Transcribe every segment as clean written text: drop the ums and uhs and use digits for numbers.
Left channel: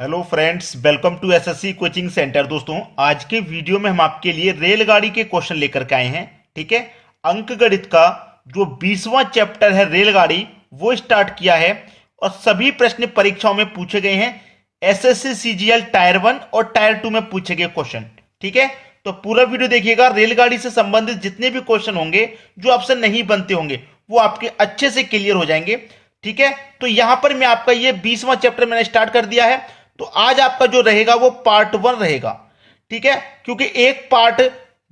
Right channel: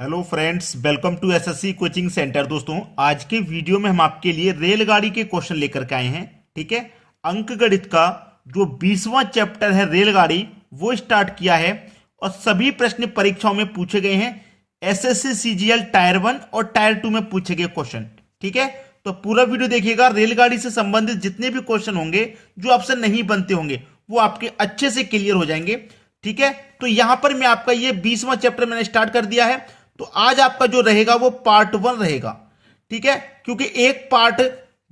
Hello friends, welcome to SSC coaching centre. दोस्तों, आज के वीडियो में हम आपके लिए रेलगाड़ी के क्वेश्चन लेकर के आए हैं। ठीक है, अंक गणित का जो 20वां चैप्टर है रेलगाड़ी, वो स्टार्ट किया है और सभी प्रश्न परीक्षाओं में पूछे गए हैं। एसएससी सीजीएल टायर 1 और टायर 2 में पूछे गए क्वेश्चन। ठीक है, तो पूरा वीडियो देखिएगा। रेलगाड़ी से संबंधित जितने भी क्वेश्चन होंगे जो आपसे नहीं बनते होंगे वो आपके अच्छे से क्लियर हो जाएंगे। ठीक है, तो यहां पर मैं आपका ये 20वां चैप्टर मैंने स्टार्ट कर दिया है। तो आज आपका जो रहेगा वो पार्ट 1 रहेगा। ठीक है, क्योंकि एक पार्ट,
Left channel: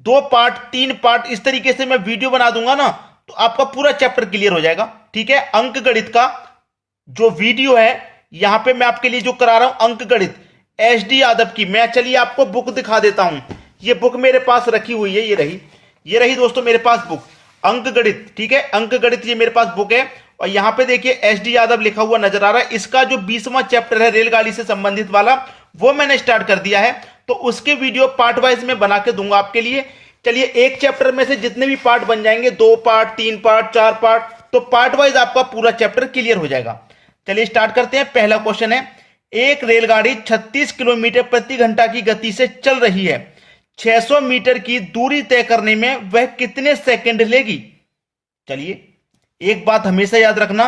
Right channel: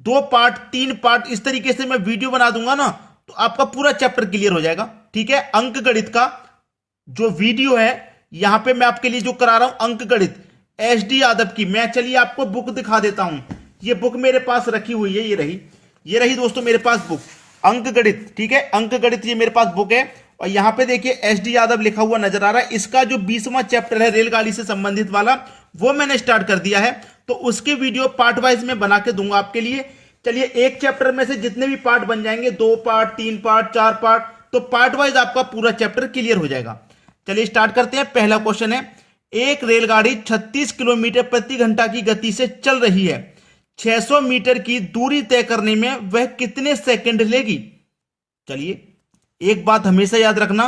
दो पार्ट, तीन पार्ट, इस तरीके से मैं वीडियो बना दूंगा ना, तो आपका पूरा चैप्टर क्लियर हो जाएगा। ठीक है, अंक गणित का जो वीडियो है यहां पे मैं आपके लिए जो करा रहा हूं, अंक गणित एसडी यादव की, मैं चलिए आपको बुक दिखा देता हूं। ये बुक मेरे पास रखी हुई है, ये रही दोस्तों मेरे पास बुक, अंक गणित। ठीक है, अंक गणित ये मेरे पास बुक है और यहां पे देखिए एसडी यादव लिखा हुआ नजर आ रहा है। इसका जो 20वां चैप्टर है रेलगाड़ी से संबंधित वाला, वो मैंने स्टार्ट कर दिया है। तो उसके वीडियो पार्ट वाइज में बना के दूंगा आपके लिए। चलिए, एक चैप्टर में से जितने भी पार्ट बन जाएंगे, 2 पार्ट, 3 पार्ट, 4 पार्ट, तो पार्ट वाइज आपका पूरा चैप्टर क्लियर हो जाएगा। चलिए स्टार्ट करते हैं। पहला क्वेश्चन है, एक रेलगाड़ी 36 किलोमीटर प्रति घंटा की गति से चल रही है। 600 मीटर की दूरी तय करने में वह कितने सेकंड लेगी? चलिए, एक बात हमेशा याद रखना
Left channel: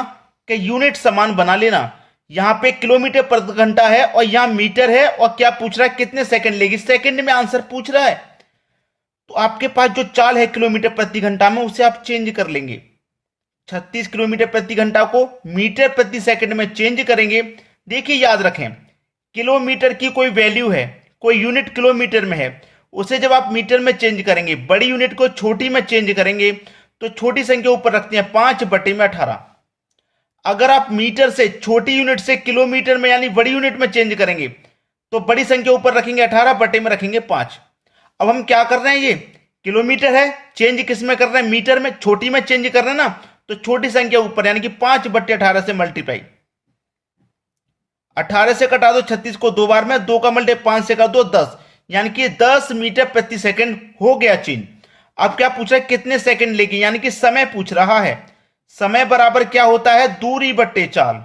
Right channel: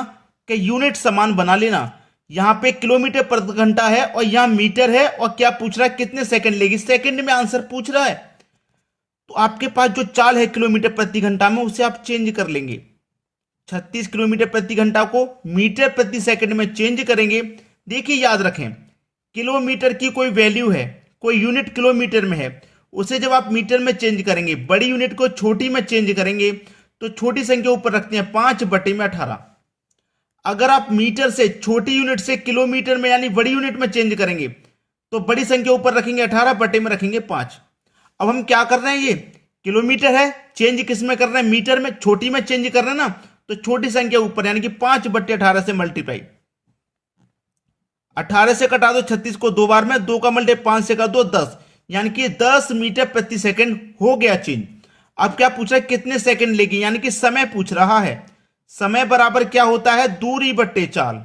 कि यूनिट समान बना लेना। यहां पे किलोमीटर प्रति घंटा है और यहां मीटर है, और क्या पूछ रहा है, कितने सेकंड लेगी, सेकंड में आंसर पूछ रहा है। तो आपके पास जो चाल है किलोमीटर प्रति घंटा में, उसे आप चेंज कर लेंगे। 36 किलोमीटर प्रति घंटा को मीटर प्रति सेकंड में चेंज करेंगे। देखिए, याद रखें, किलोमीटर की कोई वैल्यू है, कोई यूनिट किलोमीटर में है, उसे जब आप मीटर में चेंज करेंगे, बड़ी यूनिट को छोटी में चेंज करेंगे, तो छोटी संख्या ऊपर रखते हैं 5/18। अगर आप मीटर से, छोटी यूनिट से किलोमीटर में यानी बड़ी यूनिट में चेंज करेंगे, तो बड़ी संख्या ऊपर रखेंगे 18, बटे में रखेंगे 5। अब हम क्या कर रहे हैं, ये किलोमीटर है, चेंज किस में कर रहे हैं, मीटर में, छोटी में चेंज कर रहे हैं ना, तो छोटी संख्या ऊपर यानी कि 5/18 से मल्टीप्लाई। 18 से कटा दो 36 को 2 बार में, 2 का मल्टे 5 से कर दो 10, यानी कि 10 मीटर प्रति सेकंड हो गया चेंज। अब क्या पूछ रहा है, कितने सेकंड लेगी, यानी कि समय पूछ रहा है। समय बराबर क्या होता है, दूरी बट्टे चाल,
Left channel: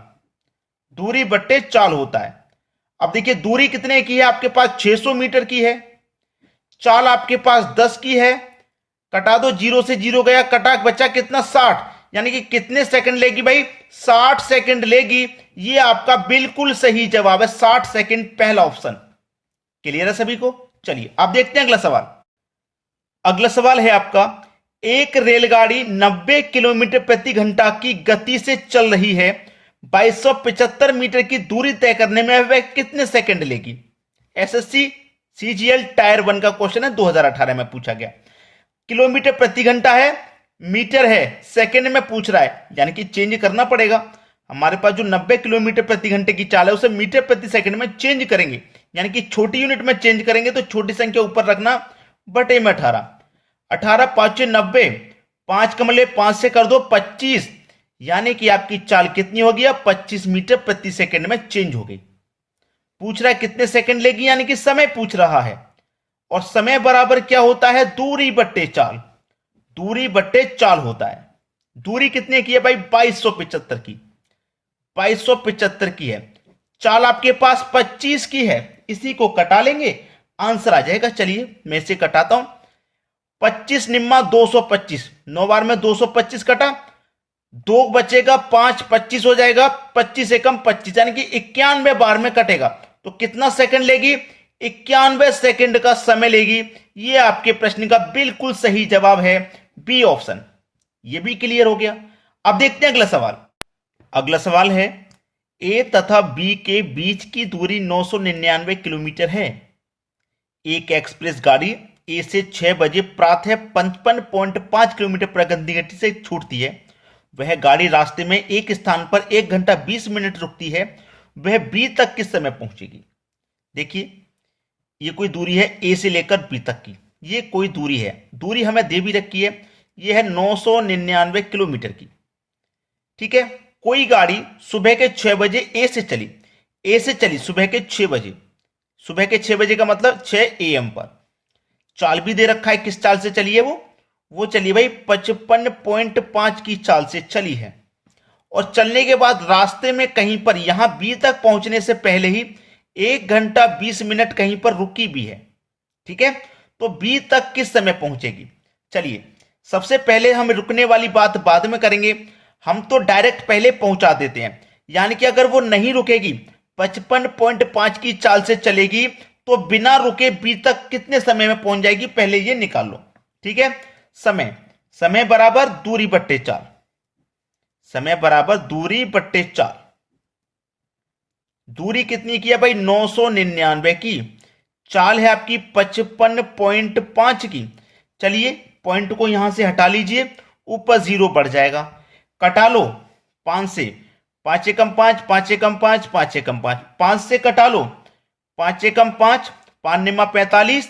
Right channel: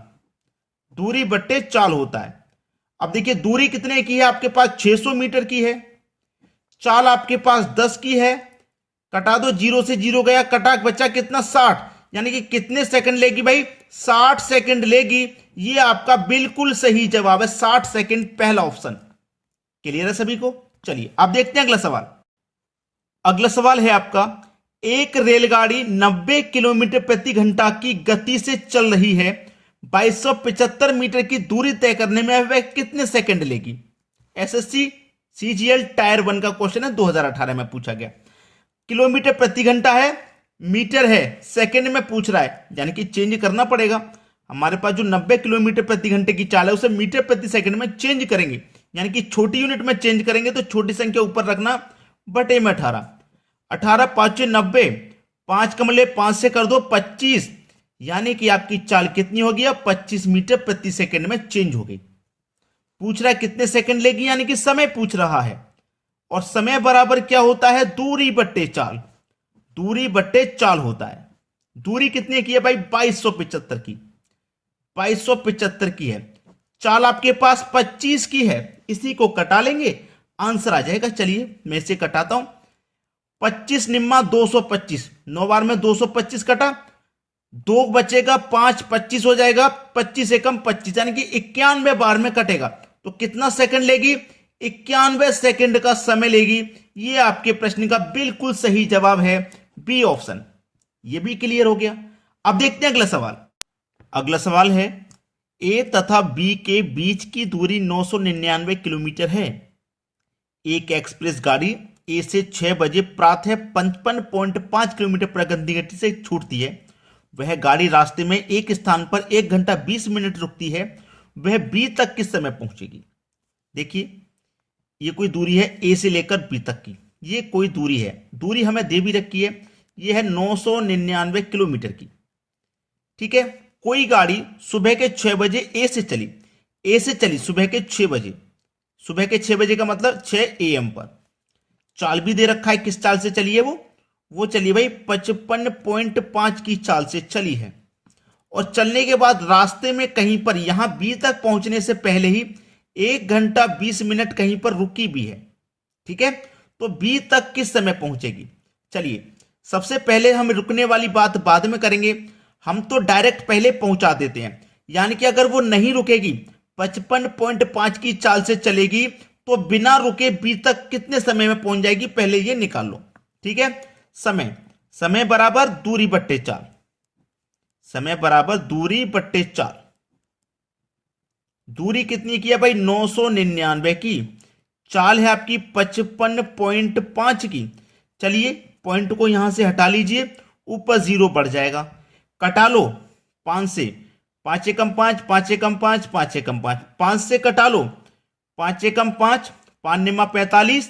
दूरी बट्टे चाल होता है। अब देखिए, दूरी कितने की है आपके पास, 600 मीटर की है। चाल आपके पास 10 की है, कटा दो, 0 से 0 गया, कटा बचा कितना, 60, यानी कि कितने सेकंड लेगी भाई, 60 सेकंड लेगी। ये आपका बिल्कुल सही जवाब है, 60 सेकंड, पहला ऑप्शन। क्लियर है सभी को? चलिए अब देखते हैं अगला सवाल। अगला सवाल है आपका, एक रेलगाड़ी 90 किलोमीटर प्रति घंटा की गति से चल रही है। 2275 मीटर की दूरी तय करने में वह कितने सेकंड लेगी? एसएससी सीजीएल टायर 1 का क्वेश्चन है, 2018 में पूछा गया। किलोमीटर प्रति घंटा है, मीटर है, सेकंड में पूछ रहा है, यानी कि चेंज करना पड़ेगा। हमारे पास जो 90 किलोमीटर प्रति घंटे की चाल है उसे मीटर प्रति सेकंड में चेंज करेंगे, यानी कि छोटी यूनिट में चेंज करेंगे, तो छोटी संख्या ऊपर रखना, बटे में 18। 18 5 90, 5 का मल्ले 5 से कर दो 25, यानी कि आपकी चाल कितनी होगी, 25 मीटर प्रति सेकंड में चेंज हो गई। पूछ रहा है कितने सेकंड लेगी, यानी कि समय पूछ रहा है। और समय बराबर क्या होता है, दूरी बट्टे चाल, दूरी बट्टे चाल होता है। दूरी कितने की है भाई, 2275 की, 2275 की है। चाल आपके पास 25 की है, इसी को कटा लेंगे, आंसर आ जाएगा। चलिए मैं इसे कटाता हूं, 25 निम्मा 225, 9 बार में 225 कटा, 2 बचेगा, 5 25 हो जाएगा, 25 से कम 25, यानी कि 91 बार में कटेगा। तो कितना सेकंड लेगी, 91 सेकंड का समय लेगी। ये आपके प्रश्न का बिल्कुल सही जवाब है, बी ऑप्शन। ये भी क्लियर हो गया। अब देखते हैं अगला सवाल। अगला सवाल है, ए तथा बी के बीच की दूरी 999 किलोमीटर है। एक एक्सप्रेस गाड़ी ए से 6 बजे प्रातः 55.5 किलोमीटर प्रति घंटे से छूटती है। वह गाड़ी रास्ते में एक स्थान पर 1 घंटा 20 मिनट रुकती है। वह बी तक किस समय पहुंचेगी? देखिए, ये कोई दूरी है ए से लेकर बी तक की, ये कोई दूरी है, दूरी हमें दे भी रखी है, ये है 999 किलोमीटर की। ठीक है, कोई गाड़ी सुबह के 6 बजे ए से चली सुबह के 6 बजे, सुबह के 6 बजे का मतलब 6 AM पर। चाल भी दे रखा है, किस चाल से चली है वो चली भाई 55.5 की चाल से चली है। और चलने के बाद रास्ते में कहीं पर, यहां बी तक पहुंचने से पहले ही 1 घंटा 20 मिनट कहीं पर रुकी भी है, ठीक है, तो बी तक किस समय पहुंचेगी। चलिए सबसे पहले हम रुकने वाली बात बाद में करेंगे, हम तो डायरेक्ट पहले पहुंचा देते हैं। यानी कि अगर वो नहीं रुकेगी, 55.5 की चाल से चलेगी, तो बिना रुके बी तक कितने समय में पहुंच जाएगी, पहले ये निकाल लो। ठीक है, समय समय बराबर दूरी बट्टे चाल, समय बराबर दूरी बट्टे चाल। दूरी कितनी की है भाई, 999 की। चाल है आपकी 55.5 की। चलिए पॉइंट को यहां से हटा लीजिए, ऊपर 0 बढ़ जाएगा, कटा लो 5 से, 5 एकम 5, 5 एकम 5, 5 एकम 5, 5 से कटा लो, 5 एकम 5, 5 निमा 45,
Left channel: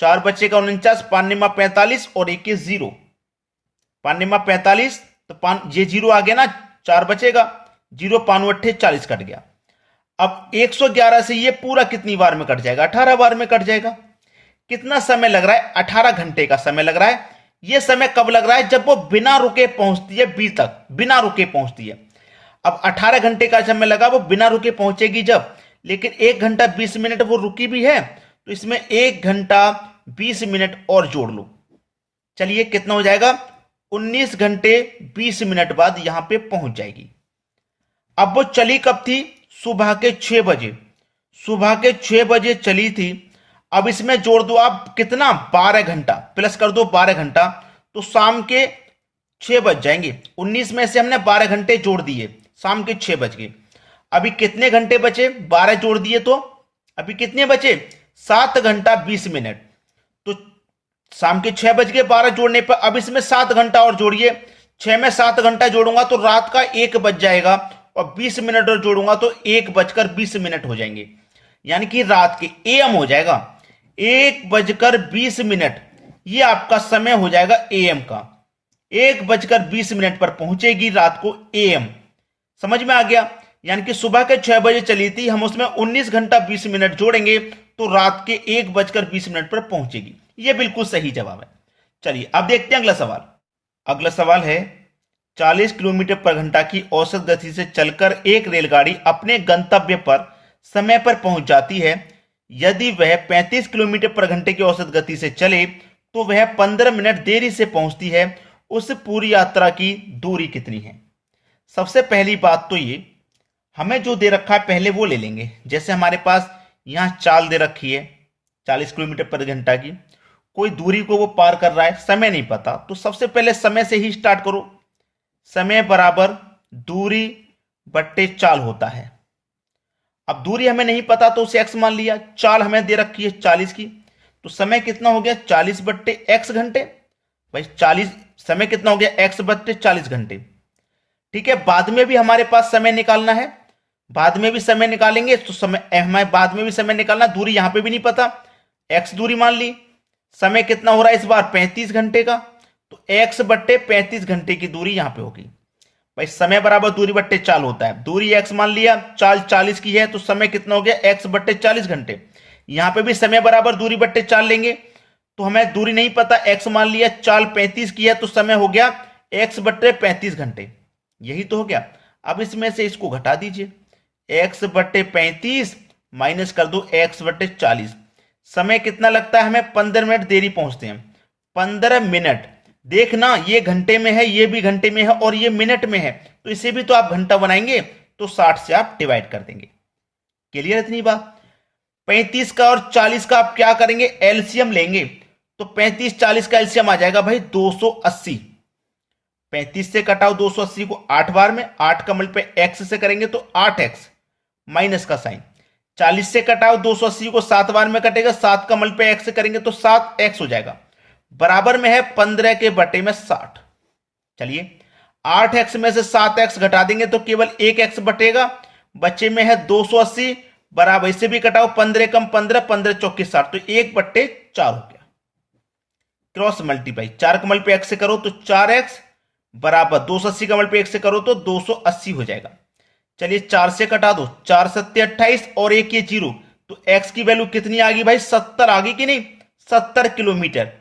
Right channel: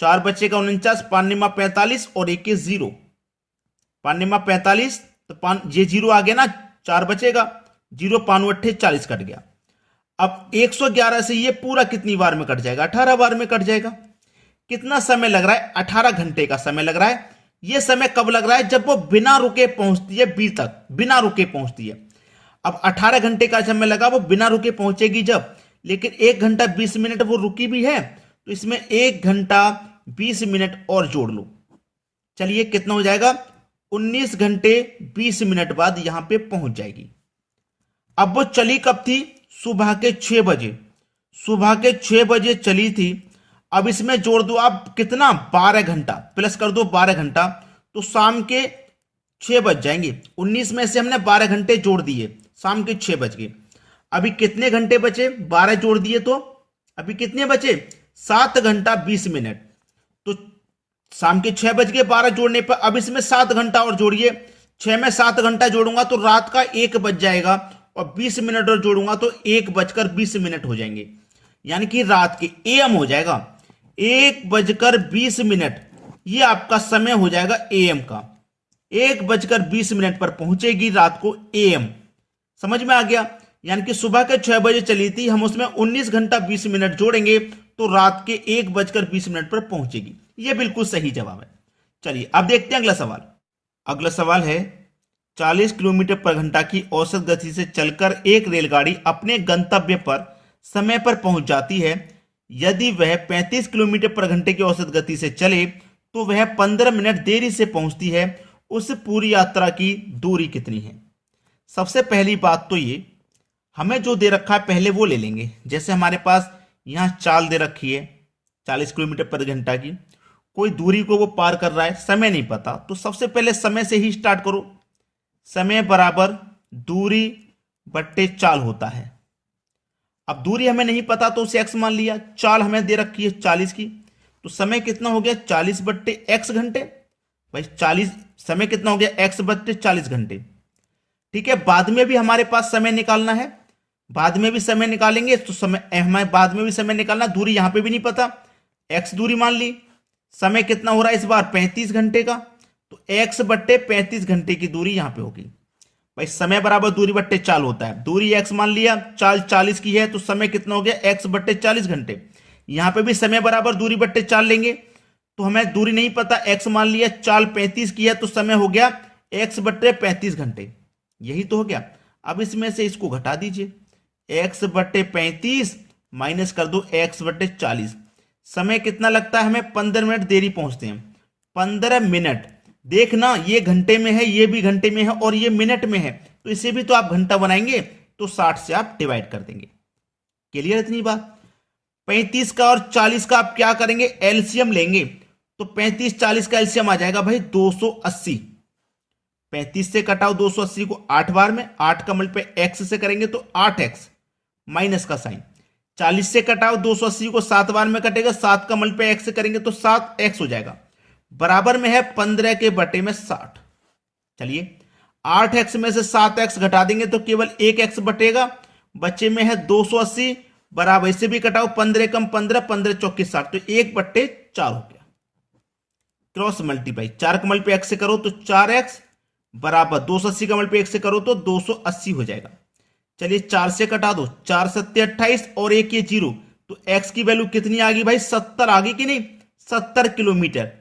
4 बचेगा 49, 5 निमा 45 और 1 0, 5 निमा 45, तो 5 ये 0 आ गया ना, 4 बचेगा, 0 5 8 40 कट गया। अब 111 से ये पूरा कितनी बार में कट जाएगा, 18 बार में कट जाएगा। कितना समय लग रहा है, 18 घंटे का समय लग रहा है। ये समय कब लग रहा है, जब वो बिना रुके पहुंचती है बी तक, बिना रुके पहुंचती है। अब 18 घंटे का समय लगा, वो बिना रुके पहुंचेगी जब, लेकिन 1 घंटा 20 मिनट वो रुकी भी है, तो इसमें 1 घंटा 20 मिनट और जोड़ लो। चलिए कितना हो जाएगा, 19 घंटे 20 मिनट बाद यहां पे पहुंच जाएगी। अब वो चली कब थी, सुबह के 6 बजे, सुबह के 6 बजे चली थी। अब इसमें जोड़ दो आप कितना, 12 घंटा, प्लस कर दो 12 घंटा, तो शाम के 6 बज जाएंगे। 19 में से हमने 12 घंटे जोड़ दिए, शाम के 6 बज गए। अभी कितने घंटे बचे, 12 जोड़ दिए तो अभी कितने बचे, 7 घंटा 20 मिनट। तो शाम के 6 बज गए 12 जोड़ने पर, अब इसमें 7 घंटा और जोड़िए, 6 में 7 घंटा जोड़ूंगा तो रात का 1 बज जाएगा, और 20 मिनट और जोड़ूंगा तो 1 बजकर 20 मिनट हो जाएंगे, यानी कि रात के एएम हो जाएगा, 1 बजकर 20 मिनट, ये आपका समय हो जाएगा एएम का। 1 बजकर 20 मिनट पर पहुंचेगी रात को एएम। समझ में आ गया, यानी कि सुबह के 6 बजे चली थी, हम उसमें 19 घंटा 20 मिनट जोड़ेंगे तो रात के 1 बजकर 20 मिनट पर पहुंचेगी। ये बिल्कुल सही जवाब है। चलिए अब देखते हैं अगला सवाल। अगला सवाल है, 40 किलोमीटर पर घंटा की औसत गति से चलकर एक रेलगाड़ी अपने गंतव्य पर समय पर पहुंच जाती है। यदि वह 35 किलोमीटर पर घंटे की औसत गति से चले तो वह 15 मिनट देरी से पहुंचती है। उस पूरी यात्रा की दूरी कितनी है। सबसे पहली बात तो ये, हमें जो दे रखा है पहले वो ले लेंगे। जैसे हमारे पास यहां चाल दे रखी है 40 किलोमीटर पर घंटा की, कोई दूरी को वो पार कर रहा है, समय नहीं पता, तो सबसे पहले समय से ही स्टार्ट करो। समय बराबर दूरी बट्टे चाल होता है। अब दूरी हमें नहीं पता तो उसे x मान लिया, चाल हमें दे रखी है 40 की, तो समय कितना हो गया, 40 बट्टे x घंटे। भाई 40 समय कितना हो गया, x बट्टे 40 घंटे। ठीक है, बाद में भी हमारे पास समय निकालना है, बाद में भी समय निकालेंगे, तो समय हमें बाद में भी समय निकालना, दूरी यहां पे भी नहीं पता, x दूरी मान ली। समय कितना हो रहा है इस बार, 35 घंटे का, तो x बट्टे 35 घंटे की दूरी यहां पे होगी। भाई समय बराबर दूरी बट्टे चाल होता है, दूरी x मान लिया, चाल 40 की है, तो समय कितना हो गया, x बट्टे 40 घंटे। यहां पे भी समय बराबर दूरी बट्टे चाल लेंगे, तो हमें दूरी नहीं पता, x मान लिया, चाल 35 की है, तो समय हो गया x बट्टे 35 घंटे। यही तो हो गया। अब इसमें से इसको घटा दीजिए, x बट्टे 35 माइनस कर दो x बट्टे 40। समय कितना लगता है हमें, 15 मिनट देरी पहुंचते हैं। 15 मिनट, देखना ये घंटे में है, ये भी घंटे में है, और ये मिनट में है, तो इसे भी तो आप घंटा बनाएंगे, तो 60 से आप डिवाइड कर देंगे। क्लियर इतनी बात। 35 का और 40 का आप क्या करेंगे, एलसीएम लेंगे, तो 35 40 का एलसीएम आ जाएगा भाई 280। 35 से कटाओ 280 को 8 बार में, 8 का मल्टीप्लाई एक्स से करेंगे तो 8x, माइनस का साइन। 40 से कटाओ 280 को 7 बार में कटेगा, 7 का मल्टीप्लाई एक्स से करेंगे तो 7x हो जाएगा, बराबर में है 15 के बटे में 60। चलिए 8x में से 7x घटा देंगे तो केवल 1x बटेगा, बच्चे में है 280, बराबर इसे भी कटाओ, 15 कम 15, 15 चौके 60, तो 1 बट्टे 4 हो गया। क्रॉस मल्टीप्लाई, 4 का मल्टीप्लाई x से करो तो 4x, बराबर 280 का मल्टीप्लाई x से करो तो 280 हो जाएगा। चलिए 4 से कटा दो, 4 सत्ते 28 और 1 ये 0, तो x की वैल्यू कितनी आ गई भाई, 70 आ गई कि नहीं, 70 किलोमीटर।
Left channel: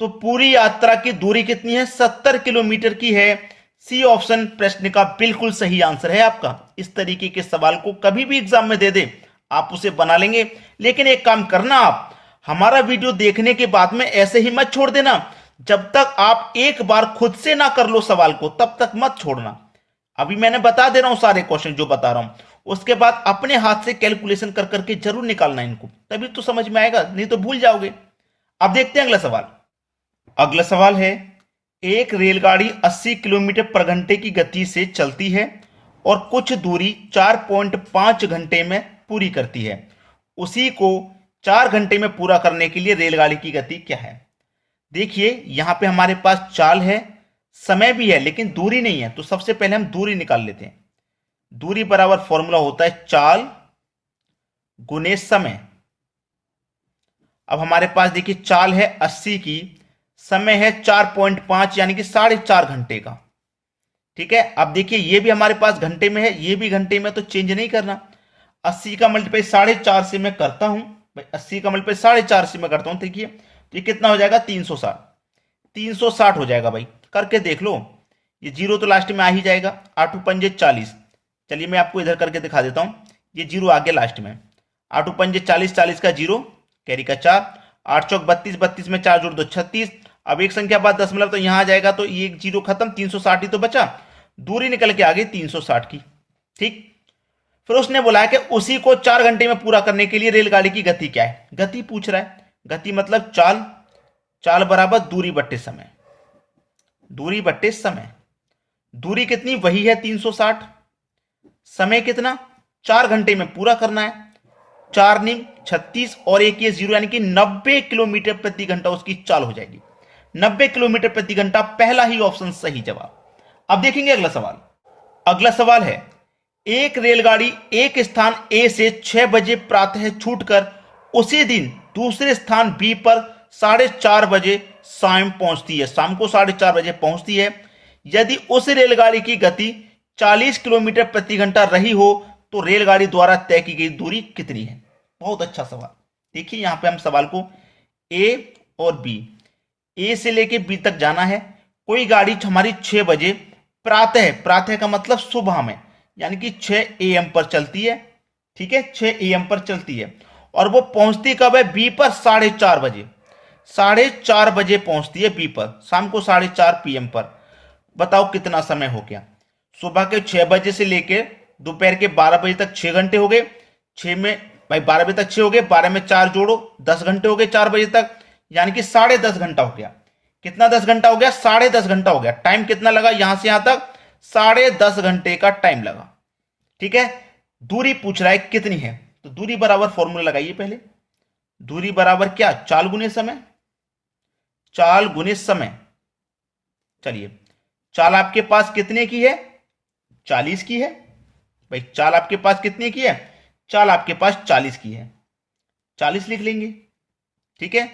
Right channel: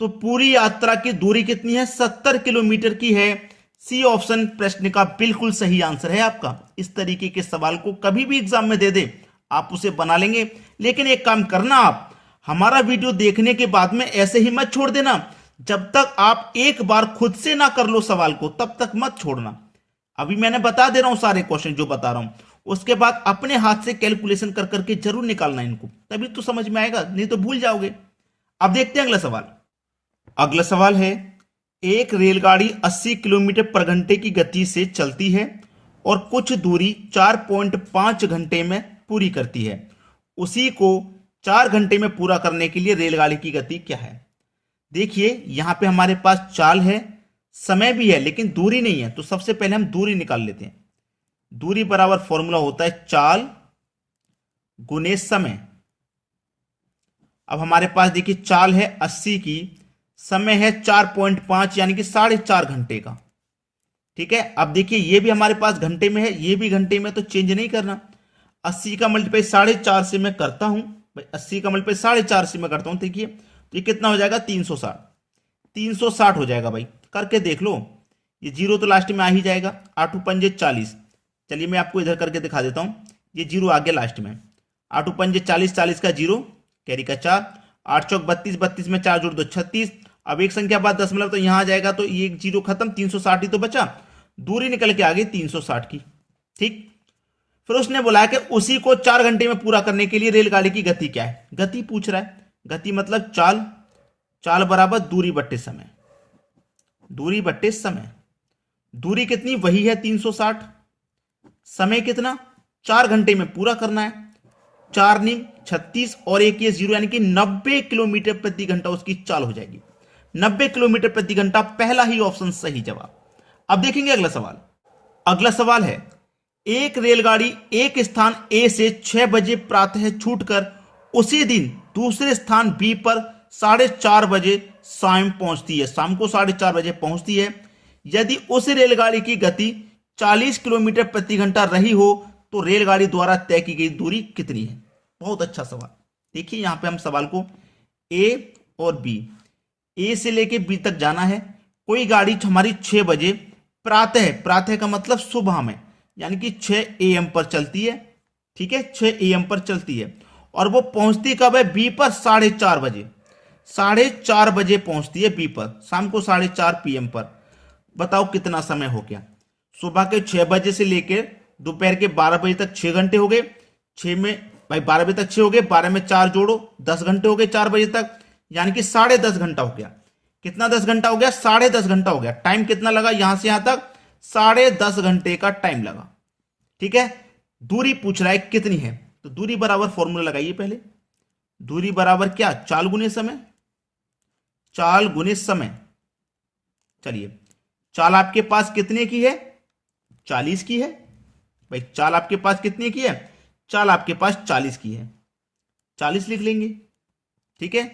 तो पूरी यात्रा की दूरी कितनी है, 70 किलोमीटर की है। सी ऑप्शन प्रश्न का बिल्कुल सही आंसर है आपका। इस तरीके के सवाल को कभी भी एग्जाम में दे दे, आप उसे बना लेंगे। लेकिन एक काम करना, आप हमारा वीडियो देखने के बाद में ऐसे ही मत छोड़ देना। जब तक आप एक बार खुद से ना कर लो सवाल को, तब तक मत छोड़ना। अभी मैंने बता दे रहा हूं सारे क्वेश्चन जो बता रहा हूं, उसके बाद अपने हाथ से कैलकुलेशन कर करके जरूर निकालना इनको, तभी तो समझ में आएगा, नहीं तो भूल जाओगे। अब देखते हैं अगला सवाल। अगला सवाल है, एक रेलगाड़ी 80 किलोमीटर पर घंटे की गति से चलती है और कुछ दूरी 4.5 घंटे में पूरी करती है। उसी को 4 घंटे में पूरा करने के लिए रेलगाड़ी की गति क्या है? देखिए यहां पे हमारे पास चाल है, समय भी है, लेकिन दूरी नहीं है। तो सबसे पहले हम दूरी निकाल लेते हैं। दूरी बराबर फॉर्मूला होता है चाल गुने समय। अब हमारे पास देखिए चाल है 80 की, समय है 4.5 यानी कि 4.5 घंटे का। ठीक है, अब देखिए ये भी हमारे पास घंटे में है, ये भी घंटे में, तो चेंज नहीं करना। 80 का मल्टीप्लाई 4.5 से मैं करता हूं भाई, 80 का मल्टीप्लाई 4.5 से मैं करता हूं। देखिए ये कितना हो जाएगा? 360। 360 हो जाएगा भाई, करके देख लो। ये जीरो तो लास्ट में आ ही जाएगा। 8 पंजे 40। चलिए मैं आपको इधर करके दिखा देता हूं। ये जीरो आ गया लास्ट में। 8 पंजे 40, 40 का जीरो, कैरी का 4, 8 चौक 32, 32 में 4 जोड़ दो 36। अब एक संख्या बाद दशमलव तो यहां आ जाएगा, तो ये जीरो खत्म, 360 ही तो बचा। दूरी निकल के आ गई 360 की। ठीक, फिर उसने बोला कि उसी को 4 घंटे में पूरा करने के लिए रेलगाड़ी की गति क्या है? गति पूछ रहा है। गति मतलब चाल, चाल बराबर दूरी बट्टे समय। दूरी बट्टे समय, दूरी कितनी? वही है 360। समय कितना? 4 घंटे में पूरा करना है। 4 नीम 36 और एक ये जीरो, यानी कि 90 किलोमीटर प्रति घंटा उसकी चाल हो जाएगी। 90 किलोमीटर प्रति घंटा, पहला ही ऑप्शन सही जवाब। अब देखेंगे अगला सवाल। अगला सवाल है, एक रेलगाड़ी एक स्थान ए से 6 बजे प्रातः छूटकर उसी दिन दूसरे स्थान बी पर 4:30 बजे शाम पहुंचती है। शाम को 4:30 बजे पहुंचती है। यदि उस रेलगाड़ी की गति 40 किलोमीटर प्रति घंटा रही हो तो रेलगाड़ी द्वारा तय की गई दूरी कितनी है? बहुत अच्छा सवाल। देखिए यहां पे हम सवाल को ए और बी, ए से लेके बी तक जाना है। कोई गाड़ी हमारी 6 बजे प्रातः, प्रातः का मतलब सुबह में, यानी कि 6 AM पर चलती है। ठीक है, 6 AM पर चलती है और वो पहुंचती कब है? बी पर 4:30 बजे। 4:30 बजे पहुंचती है बी पर, शाम को 4:30 PM पर। बताओ कितना समय हो गया? सुबह के 6 बजे से लेके दोपहर के 12 बजे तक 6 घंटे हो गए। 6 में भाई 12 बजे तक 6 हो गए, 12 में 4 जोड़ो, 10 घंटे हो गए 4 बजे तक, यानी कि 10.5 घंटा हो गया। कितना 10 घंटा हो गया? 10.5 घंटा हो गया। टाइम कितना लगा यहां से यहां तक? 10.5 घंटे का टाइम लगा। ठीक है, दूरी पूछ रहा है कितनी है, तो दूरी बराबर फॉर्मूला लगाइए पहले। दूरी बराबर क्या? चाल गुने समय। चाल गुने समय। चलिए, चाल आपके पास कितने की है? 40 की है भाई। चाल आपके पास कितने की है? चाल आपके पास 40 की है, 40 लिख लेंगे। ठीक है,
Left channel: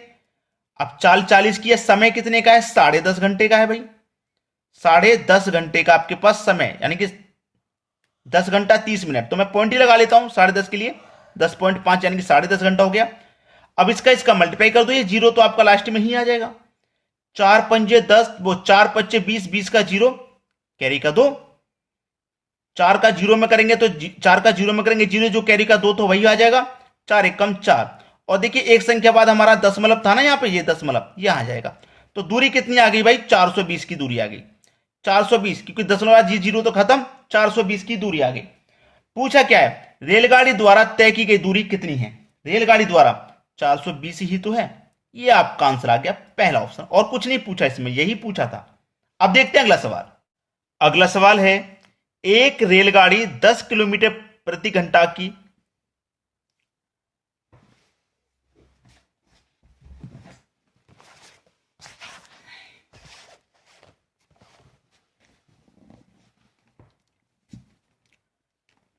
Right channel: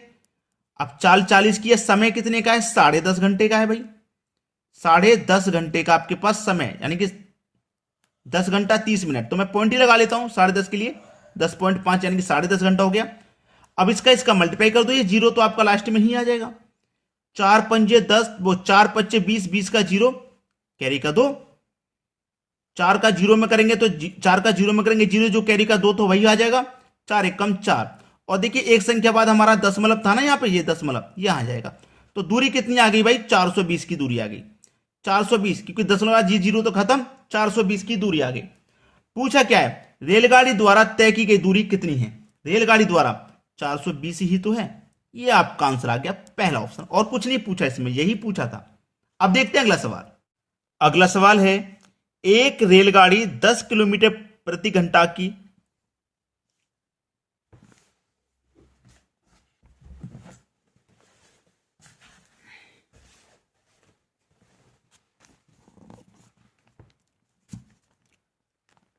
अब चाल 40 की है, समय कितने का है? 10.5 घंटे का है भाई। 10.5 घंटे का आपके पास समय, यानी कि 10 घंटा 30 मिनट। तो मैं पॉइंट ही लगा लेता हूं 10.5 के लिए, 10.5 यानी कि 10.5 घंटा हो गया। अब इसका मल्टीप्लाई कर दो, ये जीरो तो आपका लास्ट में ही आ जाएगा। 4 पंजे 10, वो 4 पच्चे 20, 20 का जीरो, कैरी का 2। 4 का जीरो में करेंगे तो 4 का जीरो में करेंगे जीरो, जो कैरी का 2 तो वही आ जाएगा। 4 एकम 4। और देखिए एक संख्या बाद हमारा दशमलव था ना यहाँ पे, ये दशमलव यहां आ जाएगा। तो दूरी कितनी आ गई भाई? 420 की दूरी आ गई। 420, क्योंकि दशमलव जी जीरो तो खत्म, 420 की दूरी आ गई। पूछा क्या है? रेलगाड़ी द्वारा तय की गई दूरी कितनी है? रेलगाड़ी द्वारा 420 ही तो है। ये आपका आंसर आ गया, पहला ऑप्शन। और कुछ नहीं पूछा इसमें, यही पूछा था। अब देखते हैं अगला सवाल। अगला सवाल है, एक रेलगाड़ी 10 किलोमीटर प्रति घंटा की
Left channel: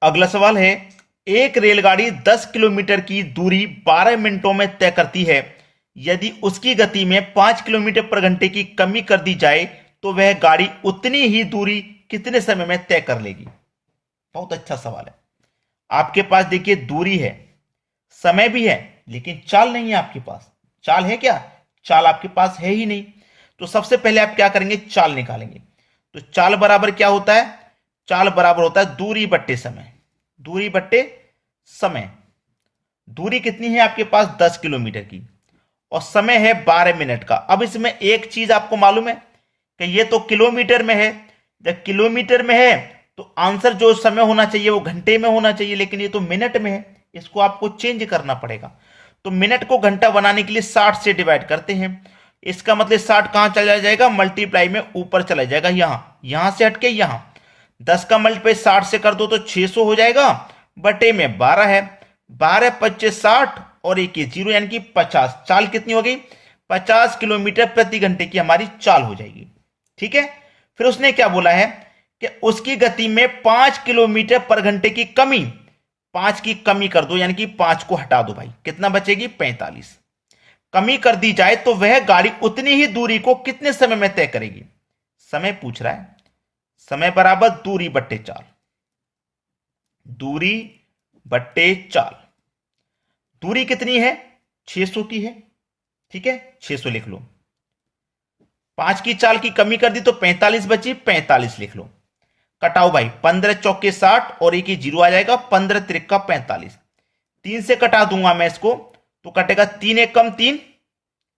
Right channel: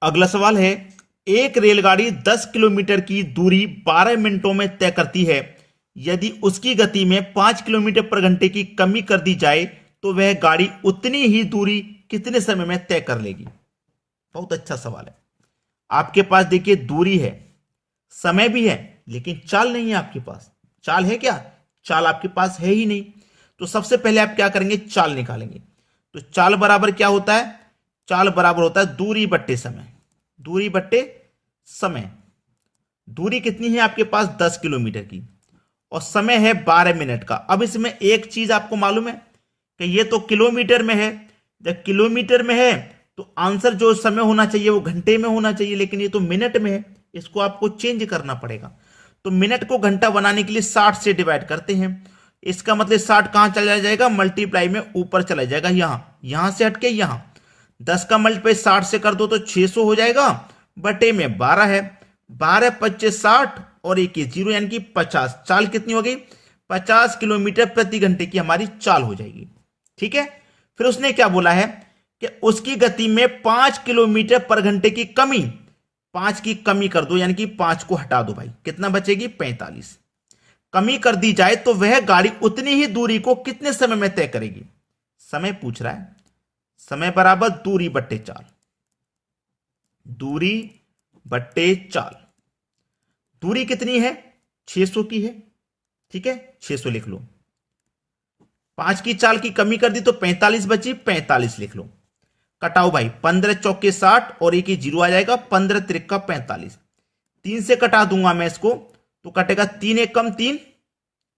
अगला सवाल है, एक रेलगाड़ी 10 किलोमीटर की दूरी 12 मिनटों में तय करती है। यदि उसकी गति में 5 किलोमीटर पर घंटे की कमी कर दी जाए तो वह गाड़ी उतनी ही दूरी कितने समय में तय कर लेगी? बहुत अच्छा सवाल है। आपके पास देखिए दूरी है, समय भी है, लेकिन चाल नहीं है आपके पास। चाल है क्या? चाल आपके पास है ही नहीं। तो सबसे पहले आप क्या करेंगे? चाल निकालेंगे। तो चाल बराबर क्या होता है? चाल बराबर होता है दूरी बट्टे समय। दूरी बट्टे समय। दूरी कितनी है आपके पास 10 किलोमीटर की और समय है 12 मिनट का। अब इसमें एक चीज आपको मालूम है कि ये तो किलोमीटर में है, जब किलोमीटर में है तो आंसर जो समय होना चाहिए वो घंटे में होना चाहिए, लेकिन ये तो मिनट में है, इसको आपको चेंज करना पड़ेगा। तो मिनट को घंटा बनाने के लिए 60 से डिवाइड करते हैं। इसका मतलब 60 कहां चला जाएगा, मल्टीप्लाई में ऊपर चला जाएगा, यहां से हटके यहां। 10 का मल्टीप्लाई 60 से कर दो तो 600 हो जाएगा, बटे में 12 है, 12 25 60 और एक 0 यानी कि 50। चाल कितनी हो गई, 50 किलोमीटर प्रति घंटे की हमारी चाल हो जाएगी। ठीक है, फिर उसने क्या बोला है कि उसकी गति में 5 किलोमीटर पर घंटे की कमी, 5 की कमी कर दो, यानी कि 5 को हटा दो भाई, कितना बचेगी 45 कमी कर दी जाए तो वह गाड़ी उतनी ही दूरी को कितने समय में तय करेगी। समय पूछ रहा है, समय बराबर दूरी बट्टे चाल, दूरी बट्टे चाल। दूरी कितनी है 600 की है, ठीक है 600 लिख लो। 5 की चाल की कमी कर दी तो 45 बची, 45 लिख लो। कटाओ भाई, 15 चौके 60 और एक ही 0 आ जाएगा, 15 त्रिका 45। 3 से कटा दूंगा मैं इसको तो कटेगा 3 एक कम 3,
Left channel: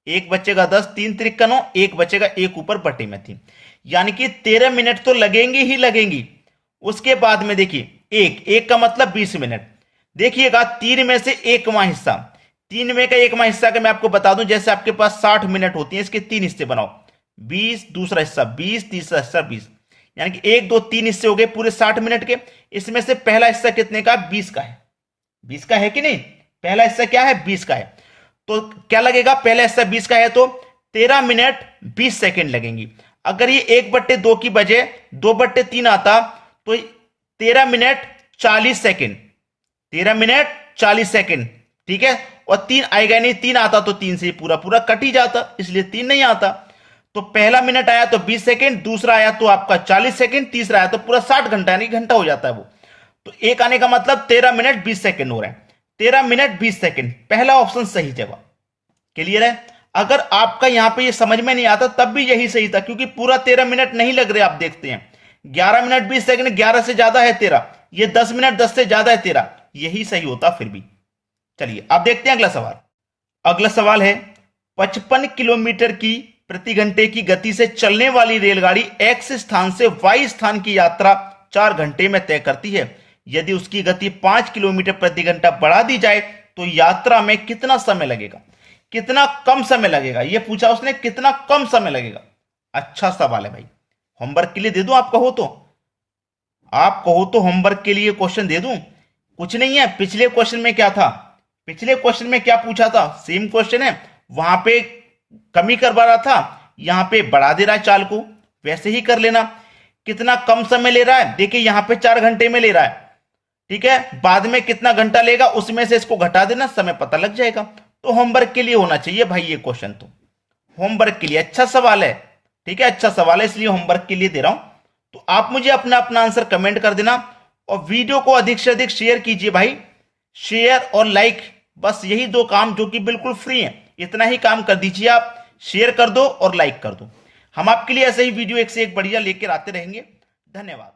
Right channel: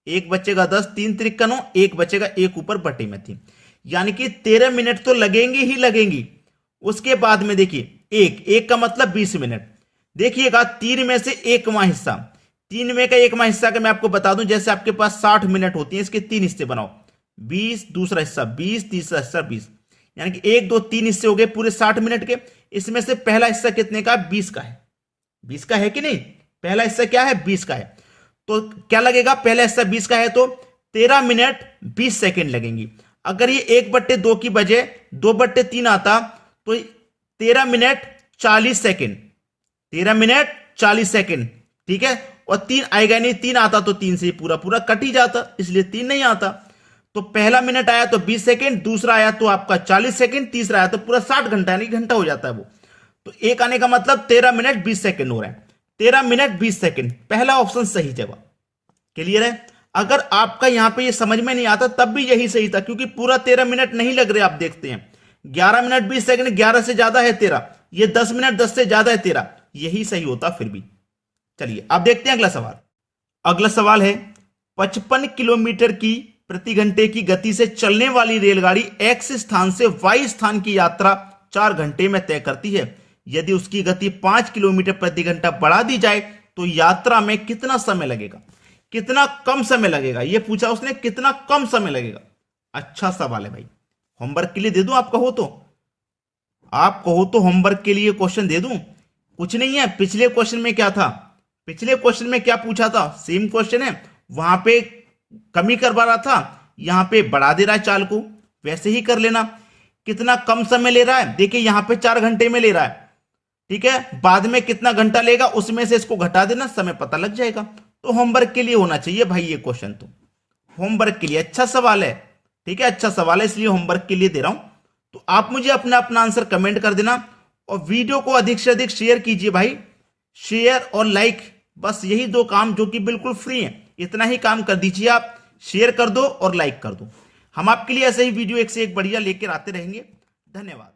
एक बचेगा 10, 3 त्रिका 9, एक बचेगा, एक ऊपर बटे में 3, यानी कि 13 मिनट तो लगेंगे ही लगेंगी। उसके बाद में देखिए एक का मतलब 20 मिनट। देखिएगा 3 में से एकवां हिस्सा, 3 में का एकवां हिस्सा का मैं आपको बता दूं, जैसे आपके पास 60 मिनट होती है, इसके 3 हिस्से बनाओ, 20 दूसरा हिस्सा 20 तीसरा हिस्सा 20, यानी कि 1 2 3 हिस्से हो गए पूरे 60 मिनट के। इसमें से पहला हिस्सा कितने का, 20 का है, 20 का है कि नहीं, पहला हिस्सा क्या है 20 का है, तो क्या लगेगा, पहला हिस्सा 20 का है तो 13 मिनट 20 सेकेंड लगेंगी। अगर ये 1/2 की बजाय 2/3 आता तो 13 मिनट 40 सेकेंड, 13 मिनट 40 सेकेंड, ठीक है। और 3 आएगा नहीं, 3 आता तो 3 से पूरा पूरा कट ही जाता, इसलिए 3 नहीं आता। तो पहला मिनट आया तो 20 सेकेंड, दूसरा आया तो आपका 40 सेकेंड, तीसरा आया तो पूरा 60 घंटा, यानी घंटा हो जाता है वो। तो एक आने का मतलब 13 मिनट 20 सेकेंड हो रहे हैं, 13 मिनट 20 सेकेंड, पहला ऑप्शन सही जवाब। क्लियर है। अगर आपका यहां पे ये समझ में नहीं आता तब भी यही सही था, क्योंकि पूरा 13 मिनट नहीं लग रहे, आप देखते हैं 11 मिनट 20 सेकेंड, 11 से ज्यादा है 13, ये 10 मिनट 10 से ज्यादा है 13, यही सही होता फिर भी। चलिए अब देखते हैं अगला सवाल। अगला सवाल है 55 किलोमीटर की प्रति घंटे की गति से चलने वाली रेलगाड़ी एक्स स्थान से वाई स्थान की यात्रा 4 घंटे में तय करती है। यदि उसकी गति 5 किलोमीटर प्रति घंटा बढ़ा दी जाए तो यात्रा में कितना समय लगेगा, कितना कम समय लगेगा, यह पूछा उसने, कितना कम समय लगेगा। अच्छा सवाल है भाई, होमवर्क के लिए दे दूं आप कहो तो, आप कहो तो होमवर्क के लिए क्वेश्चन दे दूं। कुछ नहीं है, पिछले क्वेश्चन में क्या था, पिछले क्वेश्चन में क्या पूछा था, सेम क्वेश्चन है, वहां पे कमी करवा रहा था, यहां पे बढ़ा दे रहा है चाल को, वैसे ही कर लेना। कितना कम समय ले रहा है, देखिए यहां पे 4 घंटे में ले रहा है, ठीक है, बाद में कितना घंटा लेगा उसमें से इसको घटा देना, समय पता लग जाएगा। तो होमवर्क के लिए होना चाहिए भाई ये क्वेश्चन, तो होमवर्क के लिए अच्छा सवाल है, ठीक है, अच्छा सवाल है, इसलिए होमवर्क के लिए दे रहा हूं। तो आप मुझे अपना अपना आंसर कमेंट कर देना और वीडियो को अधिक से अधिक शेयर कीजिए भाई, शेयर और लाइक, बस यही 2 काम जो कि बिल्कुल फ्री हैं, इतना ही काम कर दीजिए आप, शेयर कर दो और लाइक कर दो। हम आपके लिए ऐसे ही वीडियो एक से एक बढ़िया लेकर आते रहेंगे। धन्यवाद।